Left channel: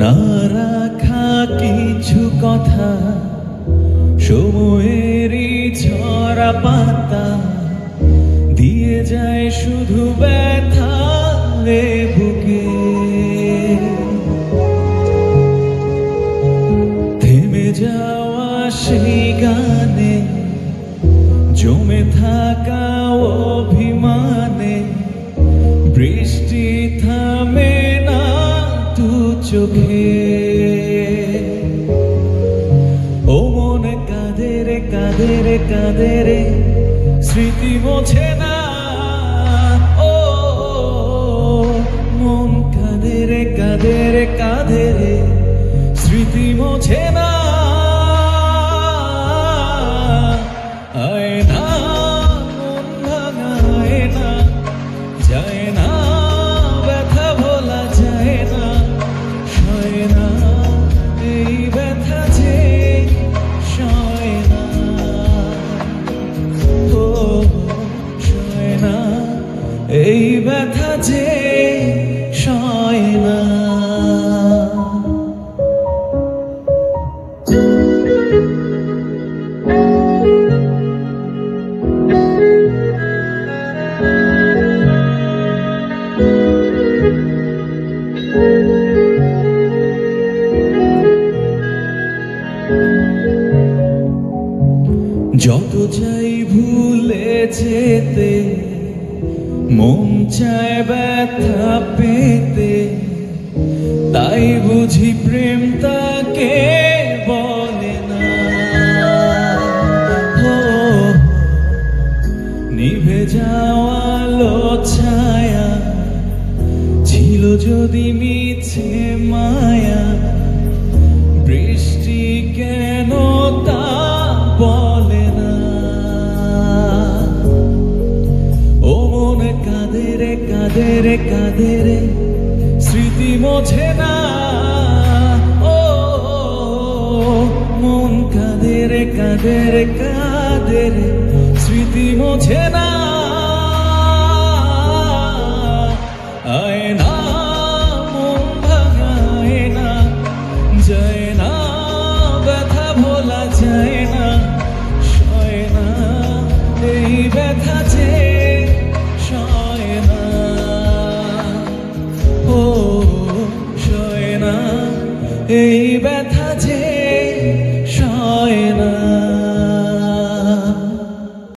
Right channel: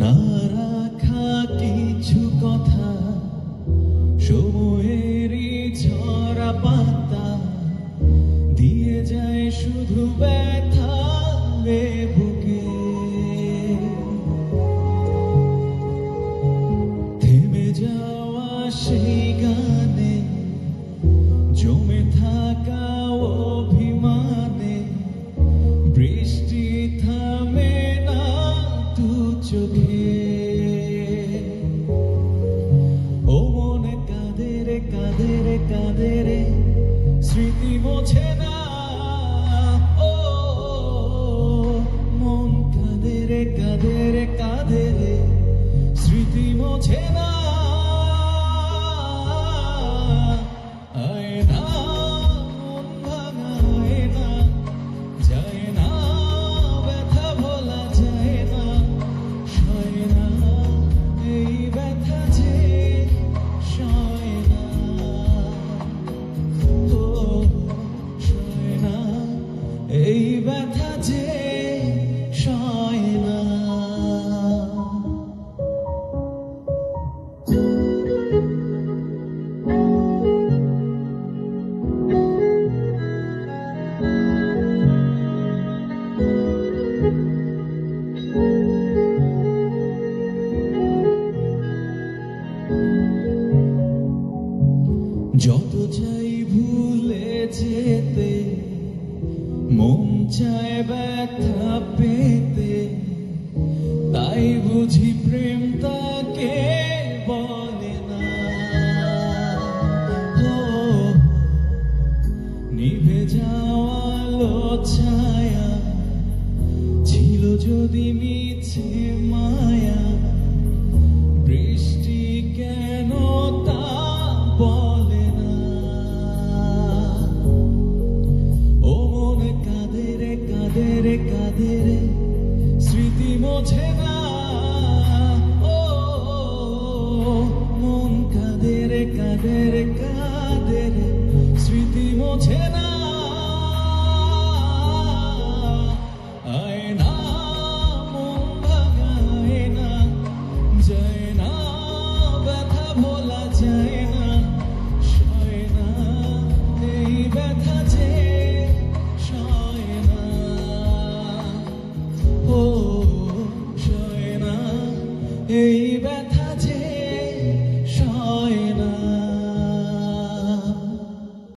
না রাখা কিছু কথা সময়েরই ঝরা পাতা দিয়ে যায় শুধু ব্যথা রে বুকে। থেমে যাওয়া সেই গানে জমে থাকা অভিমানে বৃষ্টি থামে না দু চোখে। ও মনে কাঁদে রে কাঁদে রে কাঁদে রে স্মৃতি মোছে না। ও মন কাঁদে রে কাঁদে রে কাঁদে রে স্মৃতি মোছে না। আয় না মন ভাঙা আয় না, যায় না ব্যথা ভোলা যায় না, সয় না এই ব্যথা যে সয় না। ও সয় না এই ব্যথা যে সয় না। যত চাই ভুলে যেতে মন চায় ব্যথা পেতে, তাই বুঝি প্রেম তাকে বলে না। ও নিভে যাওয়া আলো ছায়া ছিল যদি মিছে মায়া, বৃষ্টি কেন তা বলে না। ও মনে কাঁদে রে কাঁদে রে কাঁদে রে স্মৃতি মোছে না। ও মন কাঁদে রে কাঁদে রে কাঁদে রে স্মৃতি মোছে না।